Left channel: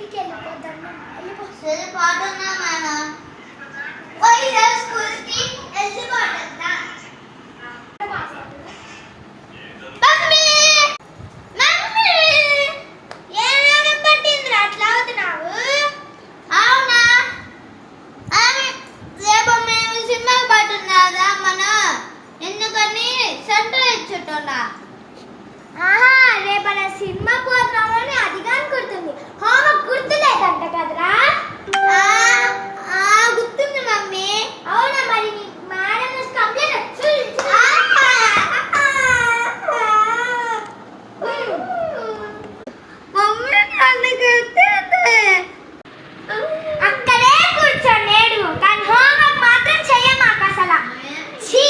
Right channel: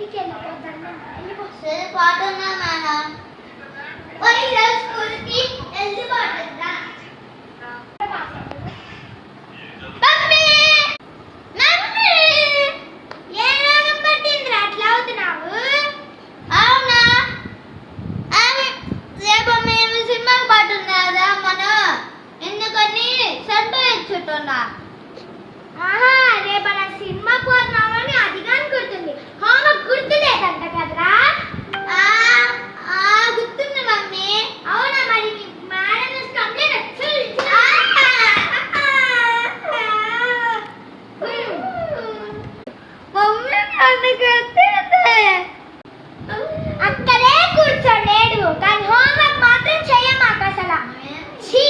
ఇంటికి వెళ్ళిపోతాను. వెళ్ళిపో. సరే పోతున్నా మేడం. పోయి స్కూల్కి వెళ్ళిపోతున్నా. మమ్మీ మమ్మీ ఏమైనా పట్టిందిరా అట్లా అవుతున్నావు? అవునా? రేపు మేము సినిమాకి పట్టున్నారా మనం ఎందుకని సెంటర్ ఇచ్చుతున్నా. ఆహా, రేపు మన సినిమా పోతున్నామని అది కానీ గుర్తుంది. హోంవర్క్ గుర్తులేదంట కదరా? గుర్తుంది మమ్మీ. అవునా? మరి నీ మేడం కంప్లైంట్ మమ్మీ నన్ను కొట్టేది. అక్కడే కూర్చోలేడు కానీ హోంవర్క్ మాత్రం చెయ్యమాక అసలు. ఛీ